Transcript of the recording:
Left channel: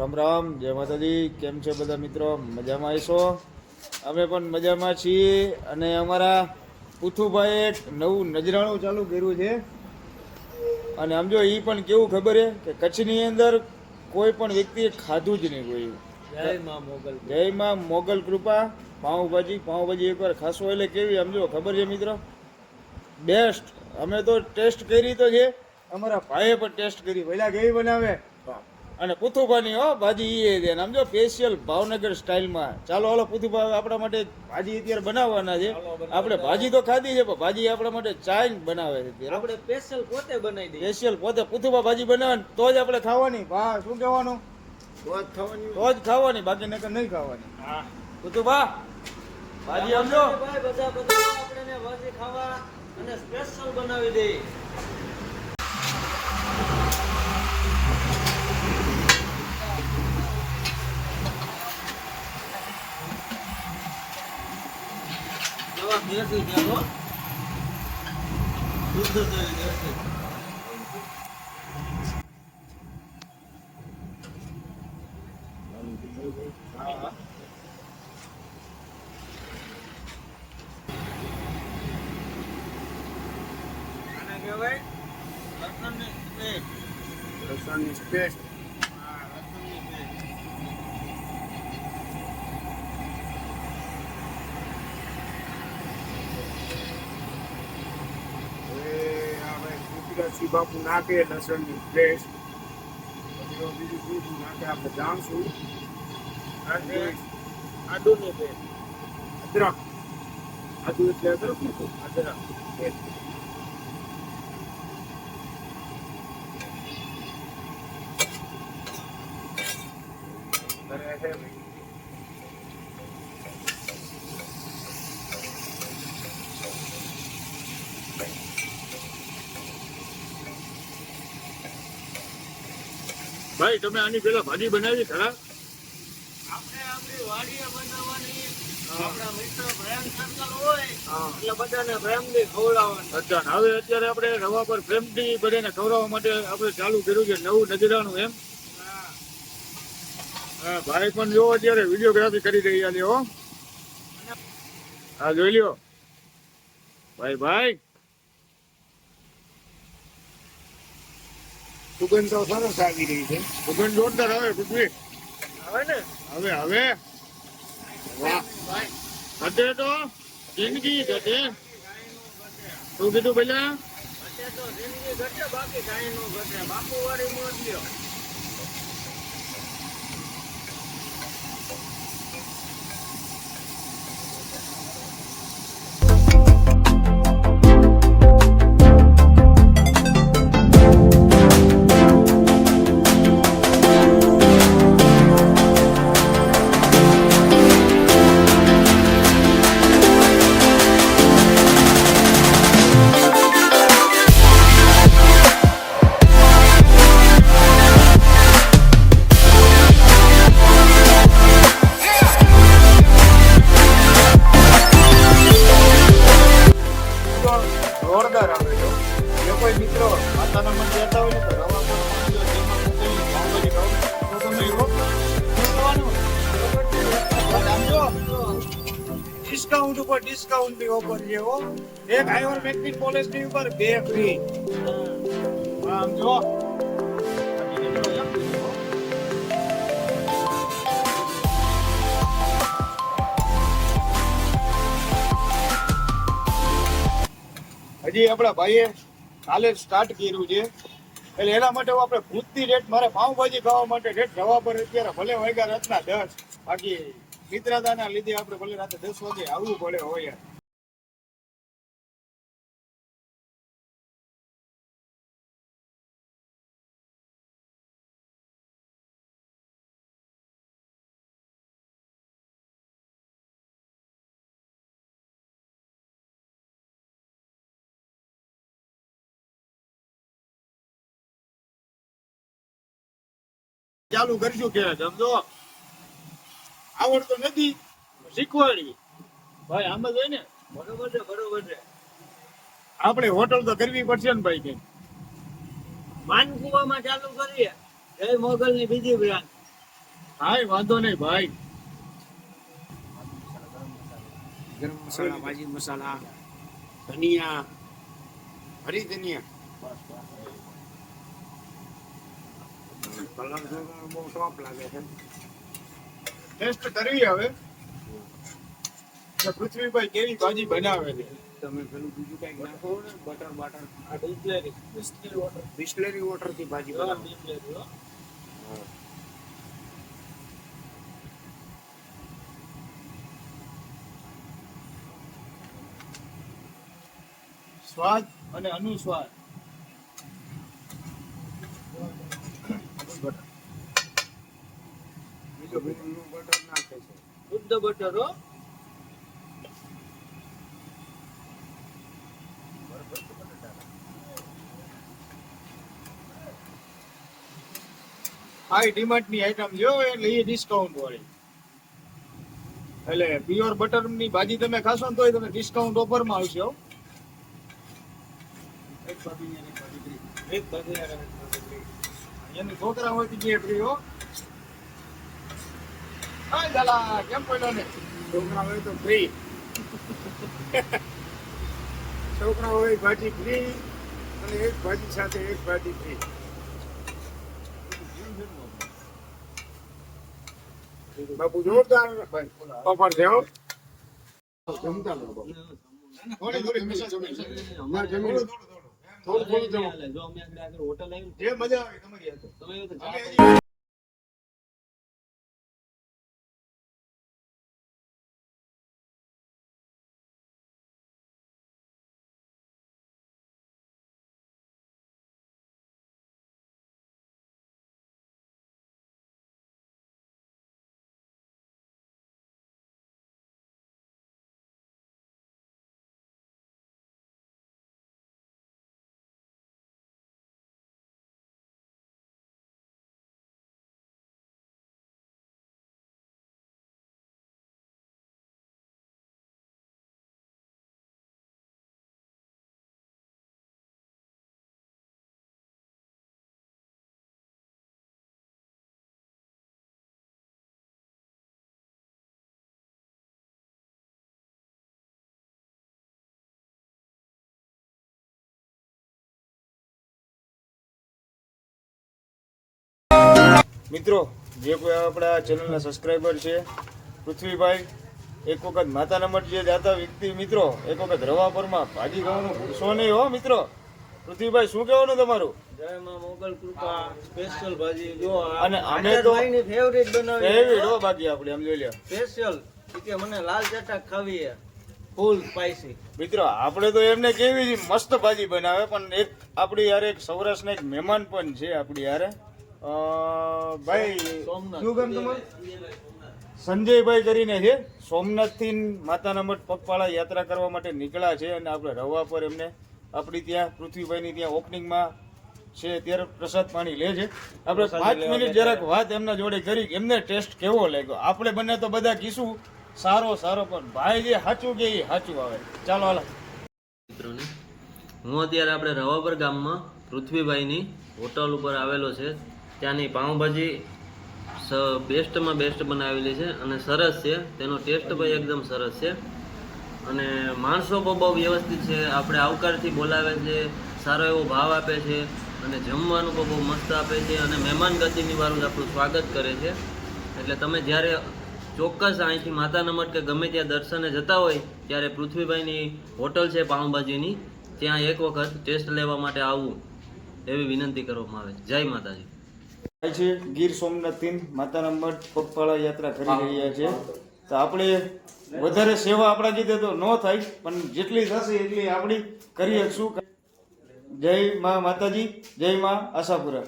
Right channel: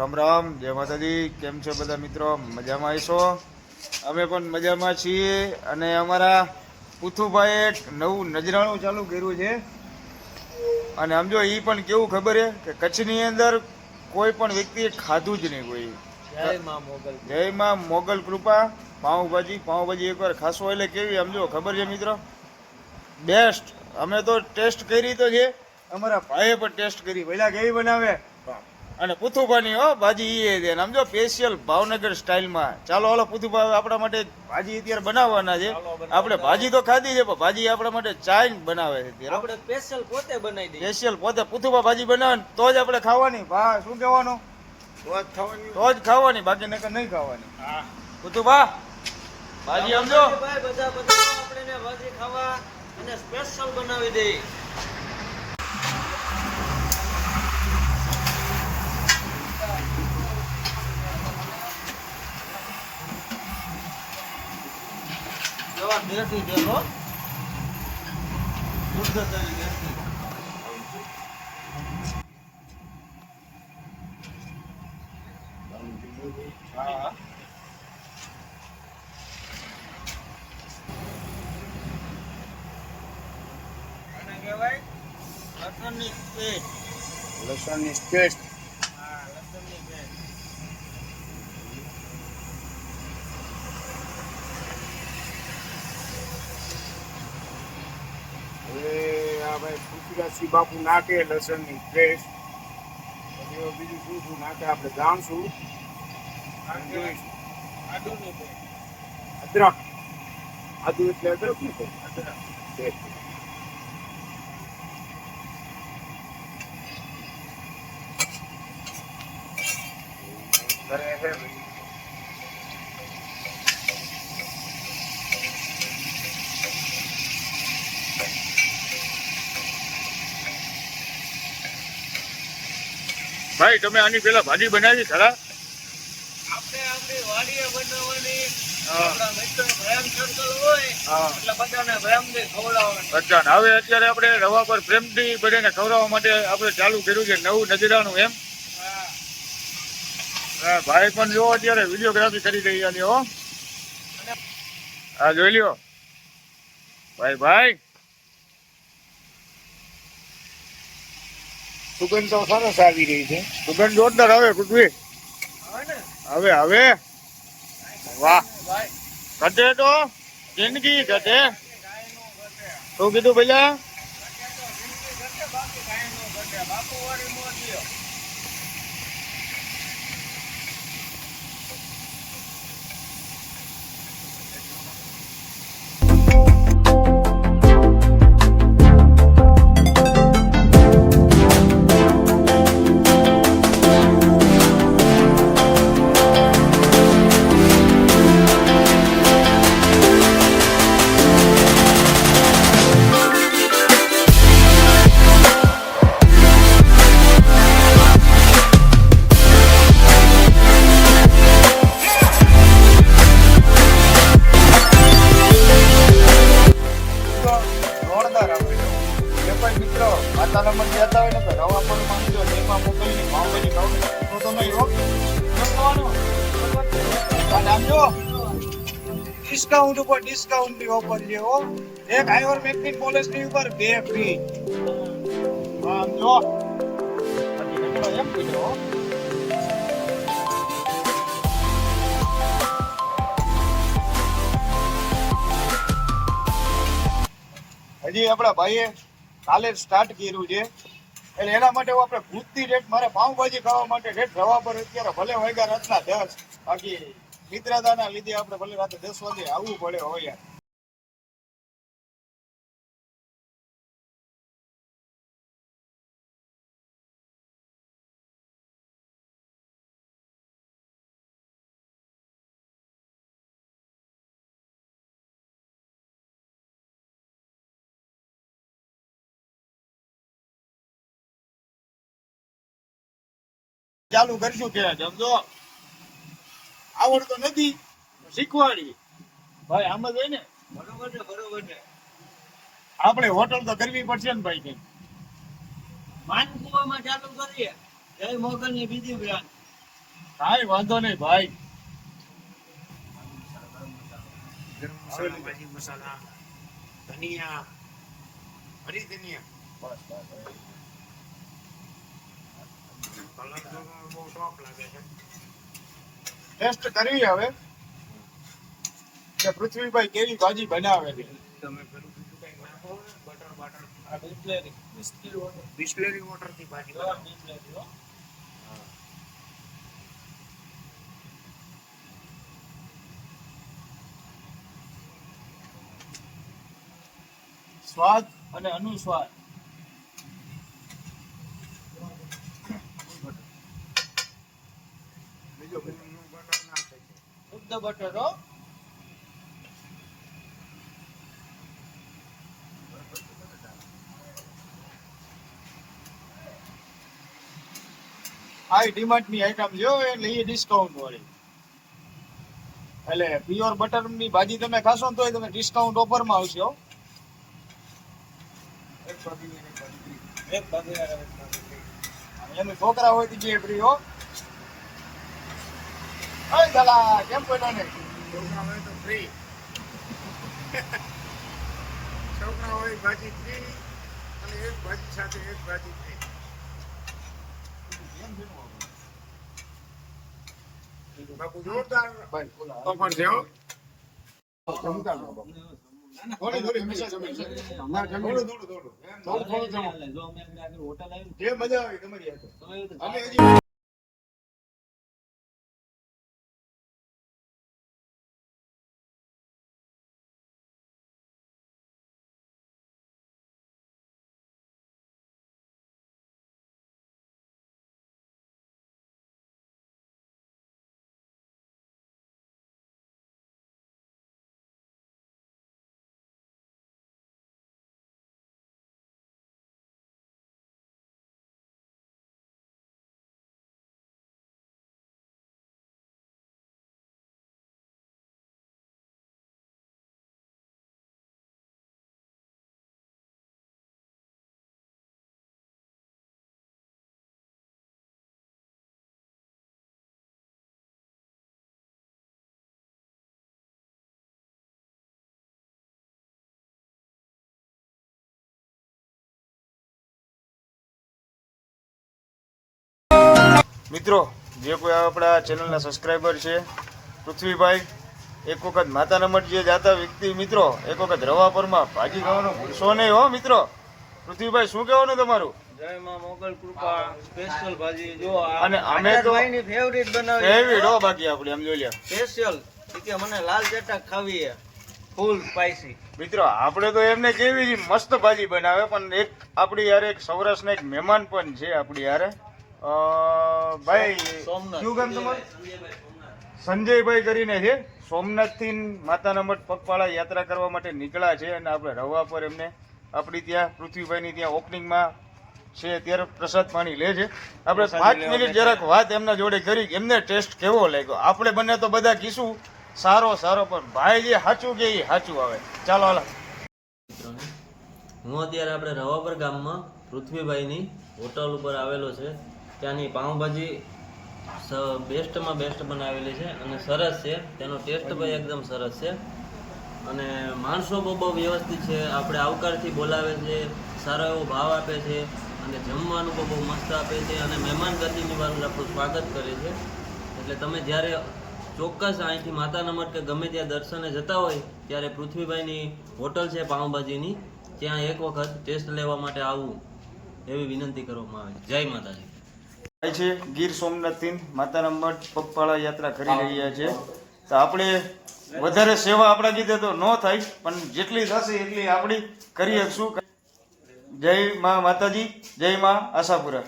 રામ રામ, જય માતાજી. કેમ છે બધા મિત્રો? મજામાં આવીશો? અમે પણ મજામાં છીએ. અને અમારા પુથુભાઈએ એક નવું નજરાણું ચાલુ કર્યું છે. અને સમજો એ પણ કેવું ખબર છે કે કચ્છની અંદર કોઈ પણ વ્યક્તિએ ખાધું જ નહીં કોઈ. જય માં મોગલ કૃપા. પાઉંભાજી એકવાર ખાશો એટલે કેવી સમજો ખબર છે મિત્રો? બેસ્ટ. અમે તો ટેસ્ટ કરી તો છે, અમારા ભાઈએ પણ ટેસ્ટ કરી. પહેલા કેવી બનાવે અને પુથુભાની ભાજી એ દે સમજો સ્પેશિયલ ભાવનગર સ્ટાઇલમાં. ચાલો હાલો પુથુભા આપણા માટે ભાજી અત્યારે બનાવવાના છે. આપણે ભાજી તો ખાધી છે પણ ભાજી આપણા માટે ચાય બનાવે છે અત્યારે. આપણે સ્પેશિયલ પોતે બનાવી દઈએ. સ્પેશિયલ પોતે પુથુભા ભાજી બનાવે તો જ આપણે ખાવાની. ભા શું કહેવાનું? તો જ ખાવાની, બાકી નકર નહીં ખાવાની. પુથુભા ભાજી સમજો ભાઈ બધા આપણે ભાજી ખાવા અને સ્પેશિયલ બનાવી દઈએ. દેશી તેલ હો, શુદ્ધ તેલ દેશી. આને કહેવાય લસણની પેસ્ટ. લસણની પેસ્ટ. હા, લસણની પેસ્ટ. બાપુ નાખે લસણની પેસ્ટ. બીજું શું શું નાખે આપણે જાણશું. આદુની પેસ્ટ. અદરક. આદુ એટલે અદરક. અદરક. ભાઈ તમે આની પેલા ભાજી બનાવી ખરા? આપણે આપણી વાડીએ બનાવવાની. આપણા મિત્ર પ્રેમ સર્કલ હોય એટલે બધાને પ્રેમથી ખવડાવવાનું. અચ્છા, હવે અત્યારે આપણે રવા પર પ્રેમથી બધાને ખવડાવવા માટે આપણે ચાલુ કર્યું છે નવું નજરાણું એમ. હા ભાઈ પણ જો અત્યારે વિડીયોગ્રાફી કરી રહ્યા છે હો. હા જોઈ લ્યો ભાઈ. સુગંધ તો સરસ આવી રહી છે. સુગંધ જોરદાર આવે પૃથ્વી. આવે ને હવે વાહ. ઘટે તો જિંદગી ઘટે. શું કીધું પેલા? ઘટે તો જિંદગી ઘટે, બાકી કાંઈ નો ઘટે. બાપુ વાળી મોજ લ્યો. જોરદાર આવે છે. જો કોઈ મિત્રો માતાના મંદિર જતા હોય ને તો રવા પર માંગજો, તેમાં મોકલીને પાઉંભાજી ખાવ તો તમે આમ જો ડિસ્કાઉન્ટ ઉપર ડિસ્કાઉન્ટ ની ઓફર છે હો. એક આયુર્વેદિક પોલિસી ઉપર 2 ફ્રી. આમ જો હજી આપણા ભાઈએ કાલે સ્ટાર્ટ કર્યું છે એટલે એના માટે આપણે ભૂતની રેટ મારે પાઉંભાજી ખાવા માટે રેટ રવા પર અત્યારે ભલે વાગ્યા રાતના 10, બાકી મિત્રતાના લીધે આપણે ભલે રાતે 10 વાગે આવવું પડે હોય યાર. ચાલુ કરશું કે સમજો આવડતો નથી શીખવાડી ભાઈ. આમ જ હોય ને. બરોબર છે, બરોબર છે. આપણે હોટલ તો કરવી પડશે ને ભાઈ. કઈ માનકુવામાં ચાલુ કરીએ. જય મોગલ ની બીજી બ્રાન્ડ. ભાઈ વાંધો નહીં ભાઈ. ગરમ મસાલા, ભાજી મસાલા, ધનિયા, હરી ધનિયા. કલર જોઈને બહુ શોખ લાગે છે. ટેસ્ટ કરવી હવે કે પૃથ્વીભાઈ કેવી ભાજી બનાવે છે. તમે પેલું બીજું કઈક નાખો ને, બટર બટર. આ બિસ્લેરી વોટર. બિસ્લેરી વોટર થી ભાજી બનાવો. બિસ્લેરી હો. સ્વાદ અને અનુસ્વાદ. બીજો બીજું બટર નાખે છે. શુદ્ધ બટર હો. હાઈ ડિમાન્ડ ની આઈટમ જો એટલે એ ડિસ્કાઉન્ટ વાળી. એટલે પ્યોર બટર ની ભાજી તમે ખાશો ને તોય તમે ડિસ્કાઉન્ટ ઓફર માં આવશે હો. એક ભાજી અને એક ભાજી free. એક ભાગી એનું છોકરા હોય તો જે ફ્રી હો. ઓય દાદા કેમ બોલ્યો ને. છોકરા હોય તો ફ્રી. છોકરા હોય ભાજી ફ્રી અને એક ભાજી સાથે એક ભાજી ફ્રી. બાપુ જોરદાર ભાઈ ઓલા ઓફર છે હો. જમતા લો બાપુ. થોડી થોડી મિક્સ જમીન છે. અમારે જમીન થોડું થોડું જમો. જો અમે આગળ હોટલ આવી જે મજા આવે તમારી હાથે. તમે અમે હજી મિત્રો જે કોઈ આપણા ચેનલના સબસ્ક્રાઈબર છે પૃથ્વીભાઈ, એક વખત માતાના મઠ જે જાતા વ્યક્તિ મિત્રો એક વખત રવાપરમાં ભાજી ખાવાનું ભૂલશો નહીં હો મિત્રો. પૃથ્વીભાઈ શું કહેવાનું તમારું? જય માં મોગલ કૃપા સ્પેશિયલ ભાજી જો અને અમે તો ભાઈની ફેવરિટ બનાવી એવી ડો બાકી આપણે એમ જોઈ લે સ્પેશિયલ કે મને લાલ ચટક ખાવી છે ફૂલ સ્પાઈસી. મિત્રો આપણે તો એમને કેવી છે મસ્ત ભાજી બનાવે, પણ એક આપણી યાર એક સૌરાષ્ટ્રના એક મહેમાન પણ છે આપણી યારે ભાઈ સોમનાથ. શું કામ તમારું? સંજયભાઈ કરીને છે. સોમનાથથી માતાના મઠ પગપાળા યાત્રા કરવા માટે નીકળ્યા છે અને આપણે રવા પર એમને આપણી ત્યાં પૃથ્વીભાઈની ત્યાં ઓપનિંગમાં છે ત્યારે પ્રસાદ પાણી લે છે. આપણે 5 મિનિટ જરાક વાત એમના જોડે કરી કે એમને ટેસ્ટ કેવો લાગ્યો. આપણે બંને તો બધા કીશું સારો પણ ભાઈ જે સાચું કે એ સાચું આવે. ચાલો હાલો મિત્રોને હું અત્યારે આપણે રવાપર ગામમાં પૃથ્વીભાઈની હોટલ ઉપર આવેલો છે. ત્યાંની પાઉંભાજી બેસ્ટમાં બેસ્ટ બનાવેલી છે અને સરસ છે. તેનો ટેસ્ટ ભાઈ એકદમ સરસ છે અને માણસો બહુ વ્યવસ્થિત છે. આપણે આવકારથી બોલાવે છે, સારો એવો ભાવ આપે છે અને જમવાનું પણ બહુ મસ્ત આપે છે અને મહેમાન ગતિની વાળું આપણું સ્વાગત કરે છે. એટલે તમે જ્યારે ચોક્કસ અહીંથી માતાના મઠ કે ગમે ત્યાં દર્શને જતા હોય ત્યારે પૃથ્વીભાઈની હોટલ છે પાઉંભાજીની, ત્યાં એક વખત ટેસ્ટ લેવા માટે આવવું એવી વિનંતી કરવામાં આવે છે. જય માતાજી. ભાઈ છે ગીર સોમનાથથી માતાના મઠ પગપાળા યાત્રા કરી રહ્યા છે. તો આપણે વધારે સેવા આપણા કીધે તો ન થાય, પણ જેટલી થશે એટલી આપણી કરીએ. શું જય મા માતાજી, જય મા આશાપુરા.